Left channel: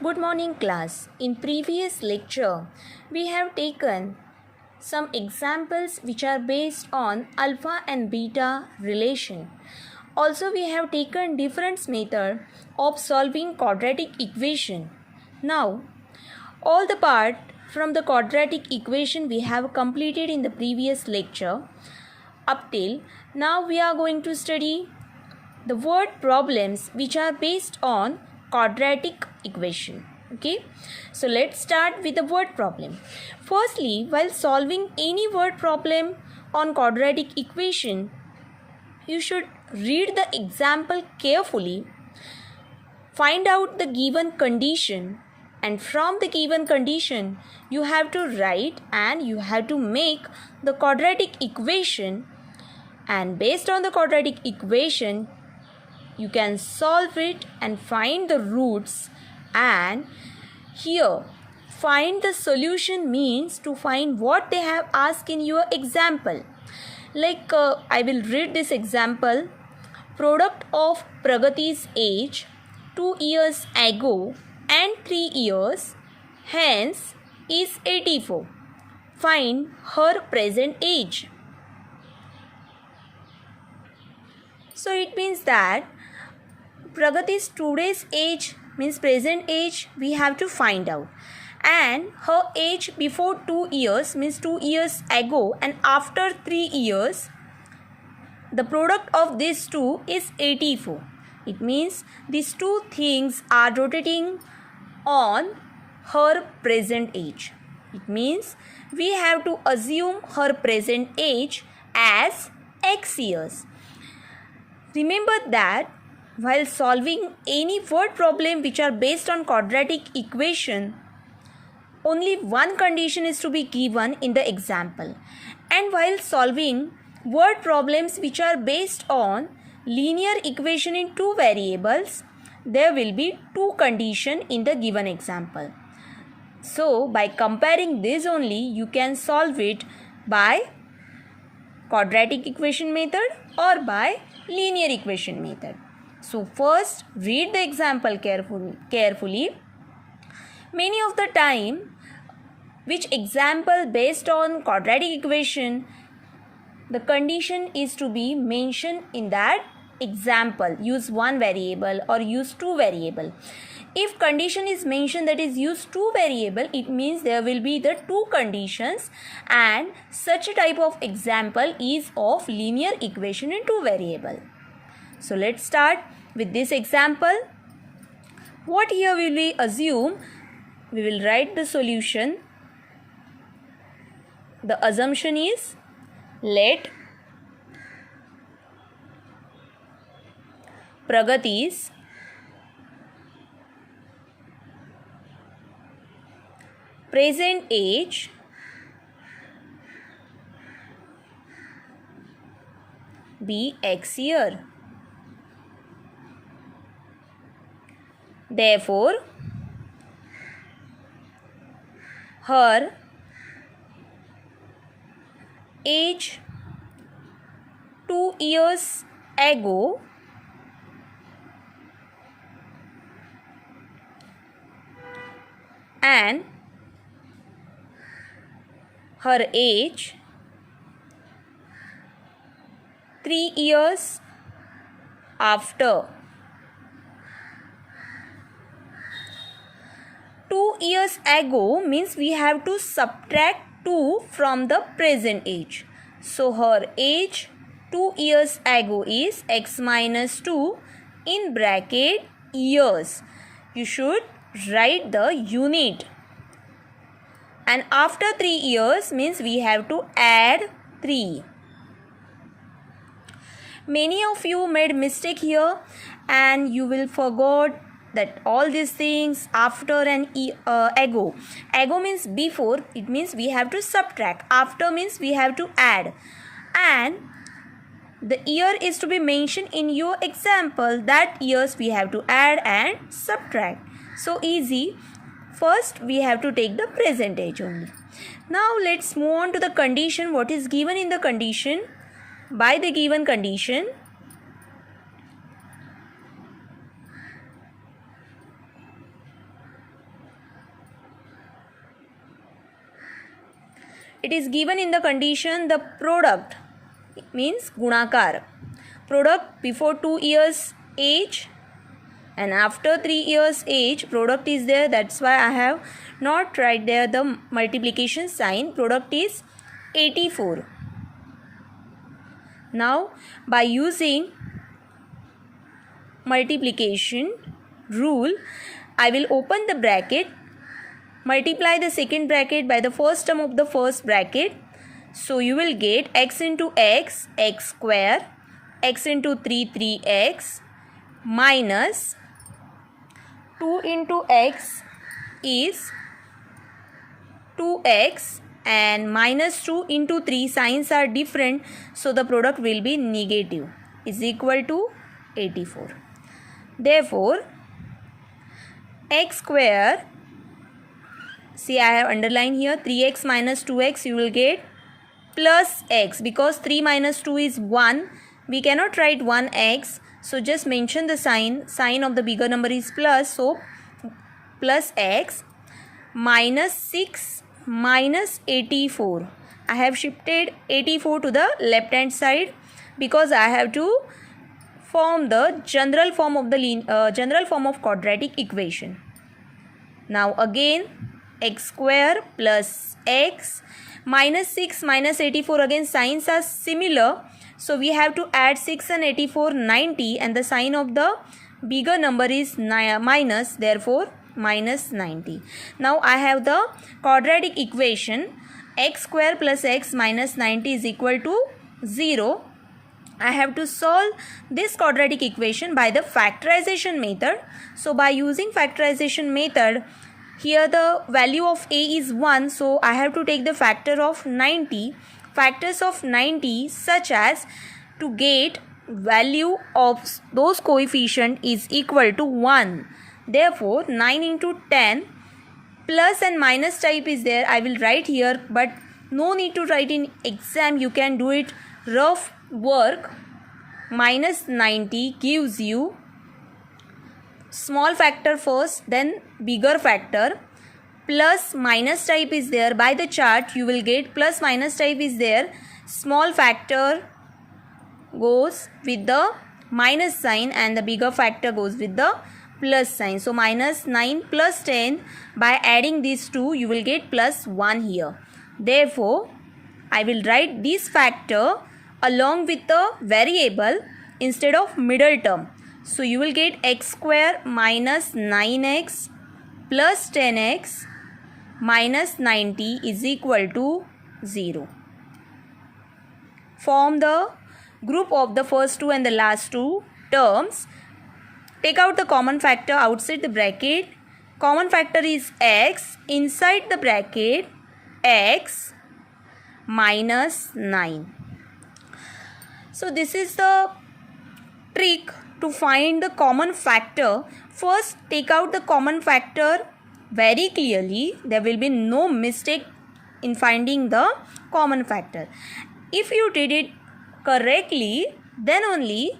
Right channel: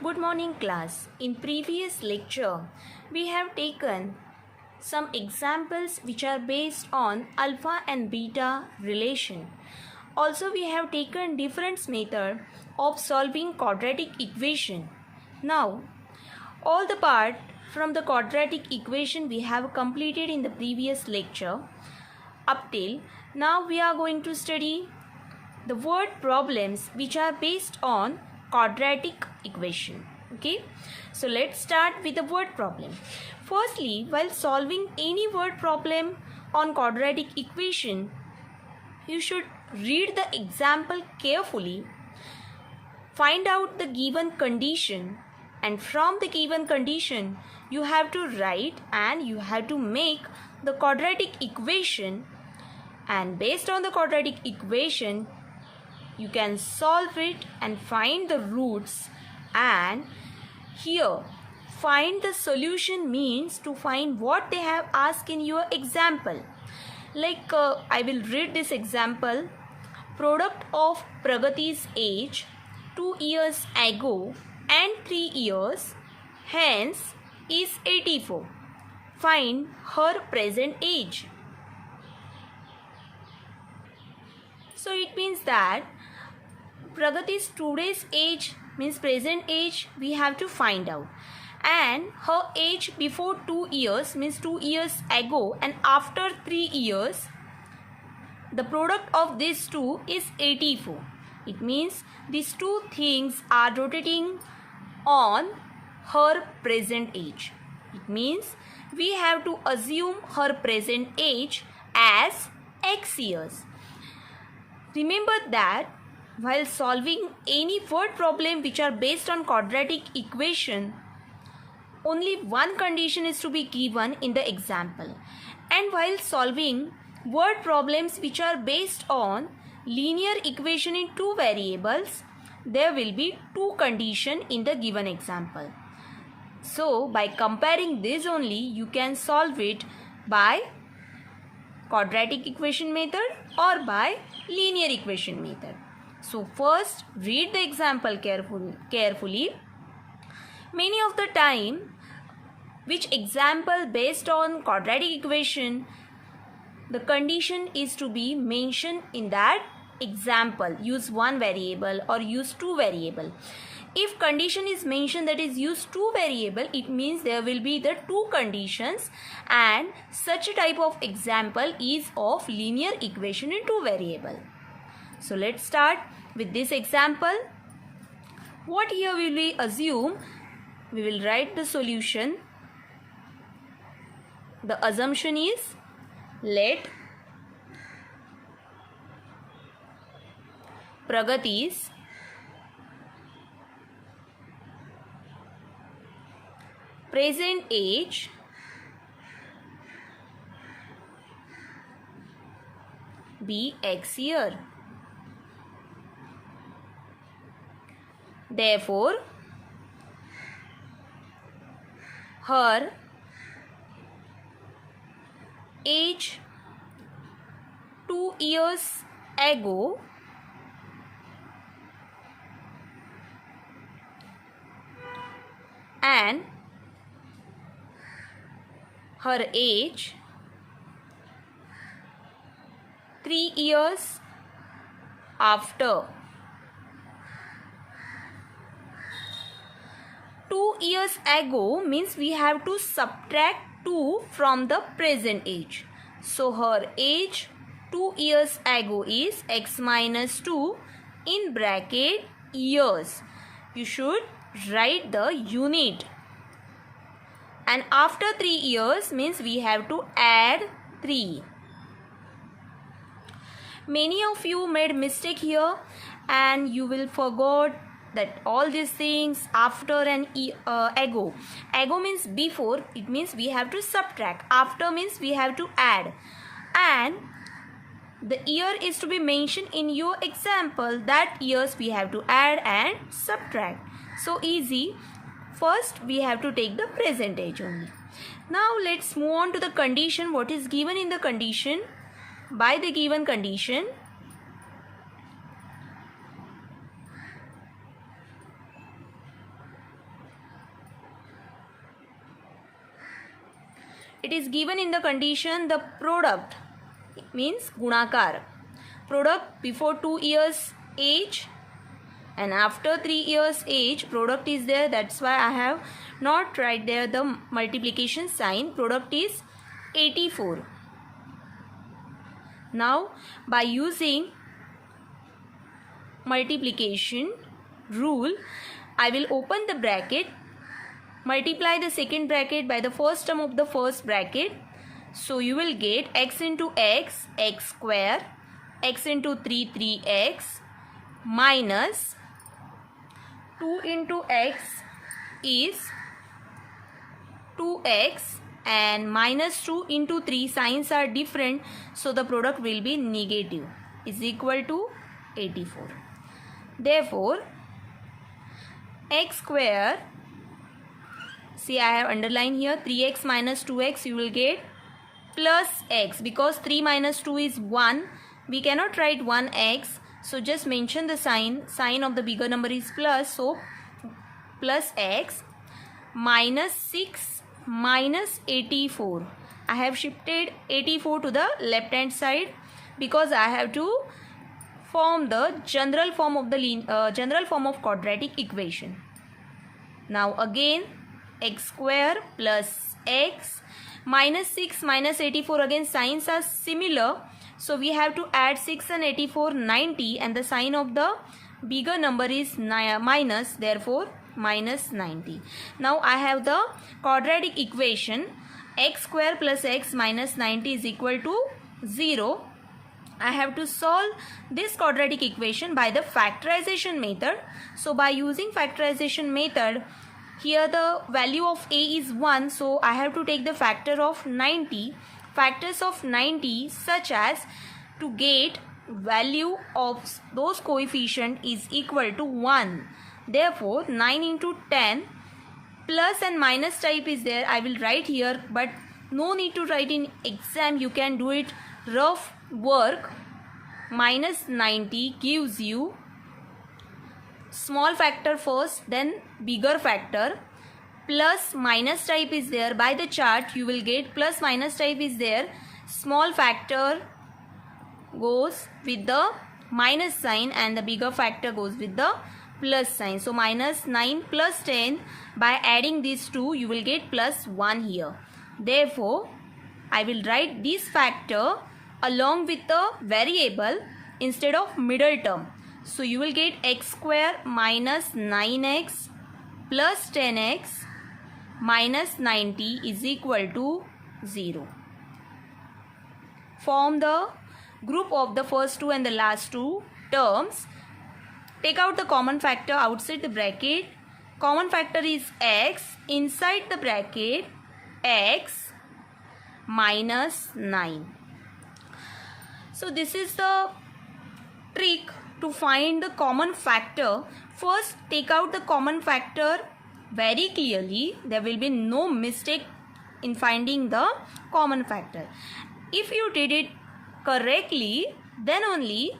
Good morning, class. In previous lecture, we have taken some examples which are based on alpha and beta relation. Also, we have taken different method of solving quadratic equation. Now, all the part from the quadratic equation we have completed in the previous lecture. Up till now, we are going to study the word problems which are based on quadratic equation. Okay, so let's start with the word problem. Firstly, while solving any word problem on quadratic equation, you should read the example carefully, find out the given condition, and from the given condition you have to write and you have to make the quadratic equation, and based on the quadratic equation you can solve it and find the roots. And here find the solution means to find what they have asked in your example. Like I will read this example. Product of Pragati's age 2 years ago and 3 years hence is 84. Find her present age. So it means that Pragati's today's age means present age we have to find out, and her age before 2 years means 2 years ago and after 3 years, the product of these two is 84. It means these two things are rotating on her present age. It means we have to assume her present age as x years. Remember that while solving any word problem which are based on quadratic equation, only one condition is to be given in the example. And while solving word problems which are based on linear equation in two variables, there will be two conditions in the given example. So by comparing this only, you can solve it by quadratic equation method or by linear equation method. So first read the example carefully. Many of the time, which example based on quadratic equation, the condition is to be mentioned in that example. Use one variable or use two variable. If condition is mentioned that is use two variable, it means there will be the two conditions, and such a type of example is of linear equation in two variable. So let's start with this example. What here will we assume? We will write the solution. The assumption is let Pragati's present age be x year. Therefore, her age 2 years ago and her age 3 years after. 2 years ago means we have to subtract 2 from the present age. So her age 2 years ago is x minus 2 in bracket years. You should write the unit. And after 3 years means we have to add 3. Many of you made mistake here and you will forgot that all these things after and ago. Ago means before, it means we have to subtract. After means we have to add. And the year is to be mentioned in your example. That years we have to add and subtract. So easy. First we have to take the present age only. Now let's move on to the condition. What is given in the condition? By the given condition, it is given in the condition the product means gunakar. Product before 2 years age and after 3 years age product is there. That's why I have not write there the multiplication sign. Product is 84. Now by using multiplication rule, I will open the bracket, multiply the second bracket by the first term of the first bracket. So you will get x into x, x square, x into 3, 3x, minus 2 into x is 2x, and minus 2 into 3, signs are different, so the product will be negative, is equal to 84. Therefore, x square, see I have underlined here 3x minus 2x, you will get plus x, because 3 minus 2 is 1, we cannot write 1x, so just mention the sign of the bigger number is plus, so plus x, minus 6 minus 84. I have shifted 84 to the left hand side because I have to form the general form of quadratic equation. Now again x square plus x, minus 6 minus 84, again signs are similar, so we have to add 6 and 84, 90, and the sign of the bigger number is minus, therefore minus 90. Now I have the quadratic equation x square plus x minus 90 is equal to 0. I have to solve this quadratic equation by the factorization method. So by using factorization method, here the value of a is 1, so I have to take the factor of 90, factors of 90 such as to get value of those coefficient is equal to 1. Therefore 9 into 10, plus and minus type is there, I will write here, but no need to write in exam, you can do it rough work. Minus 90 gives you small factor first, then bigger factor, plus minus type is there, by the chart you will get plus minus type is there, small factor goes with the minus sign and the bigger factor goes with the plus sign. So minus 9 plus 10, by adding these two you will get plus 1 here. Therefore I will write this factor along with the variable instead of middle term. So you will get x square minus 9x plus 10x minus 90 is equal to 0. Form the group of the first two and the last two terms. Take out the common factor outside the bracket. Common factor is x, inside the bracket x minus 9. So this is the trick to find the common factor. First take out the common factor very clearly. There will be no mistake in finding the common factor. If you did it correctly, then only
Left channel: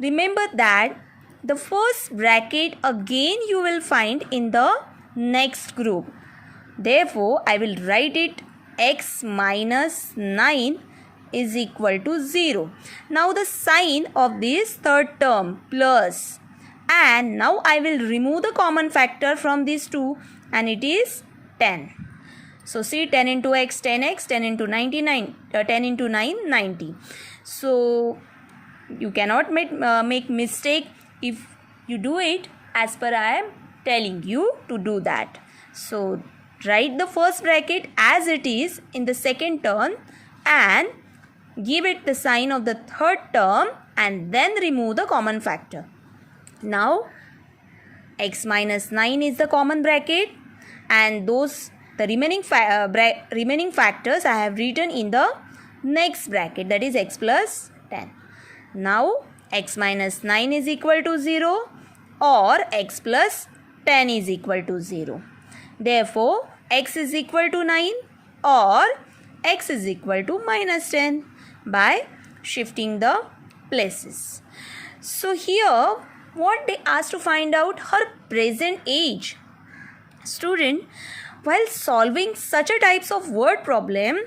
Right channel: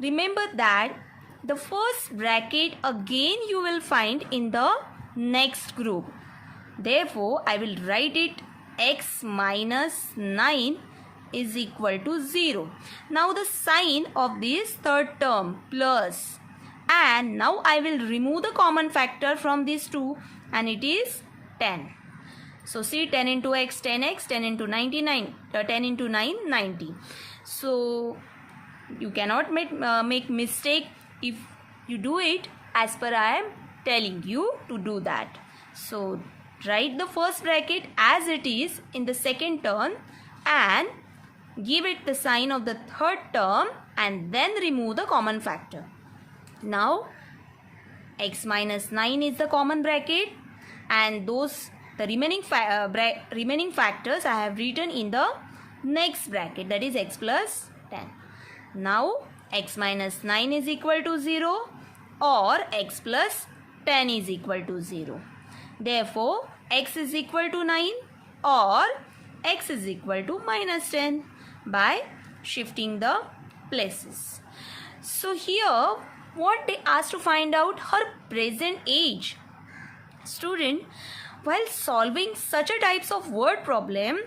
remember that the first bracket again you will find in the next group. Therefore I will write it x minus 9 is equal to 0. Now the sign of this third term plus, and now I will remove the common factor from these two, and it is 10. So see, 10 into x 10x, 10 into 99, 10 into 9 90. So you cannot make mistake if you do it as per I am telling you to do that. So write the first bracket as it is in the second term and give it the sign of the third term and then remove the common factor. Now x minus 9 is the common bracket, and the remaining factors I have written in the next bracket, that is x plus 10. Now x minus 9 is equal to 0 or x plus 10 is equal to 0. Therefore x is equal to 9 or x is equal to minus 10 by shifting the places. So here what they asked to find out her present age. Student, while solving such a types of word problem,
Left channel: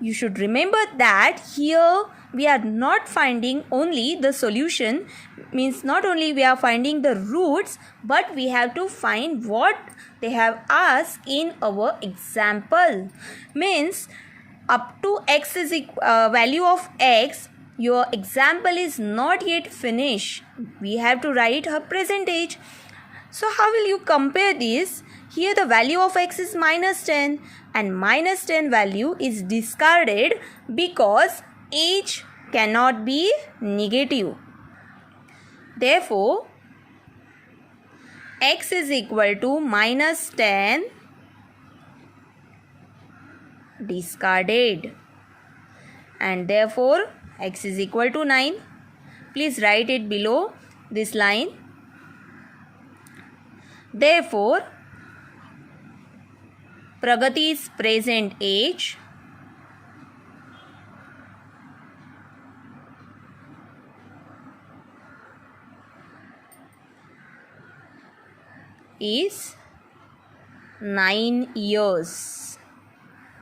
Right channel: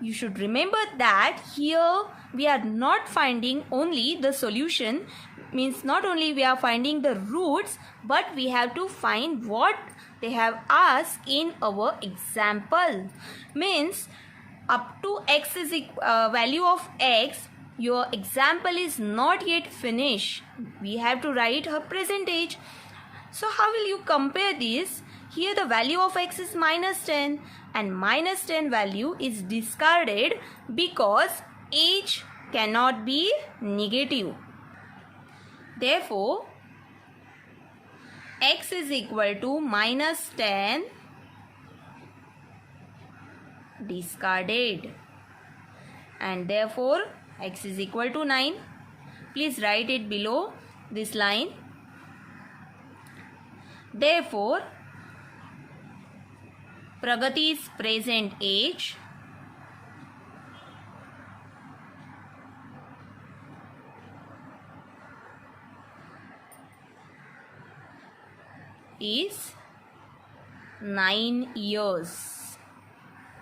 you should remember that here we are not finding only the solution, means not only we are finding the roots, but we have to find what they have asked in our example. Means up to x is value of x, your example is not yet finished. We have to write her present age. So how will you compare this? Here the value of x is -10 and -10 value is discarded because age cannot be negative. Therefore, x is equal to -10 discarded, and therefore x is equal to 9. Please write it below this line. Therefore, Pragati's present age is 9 years.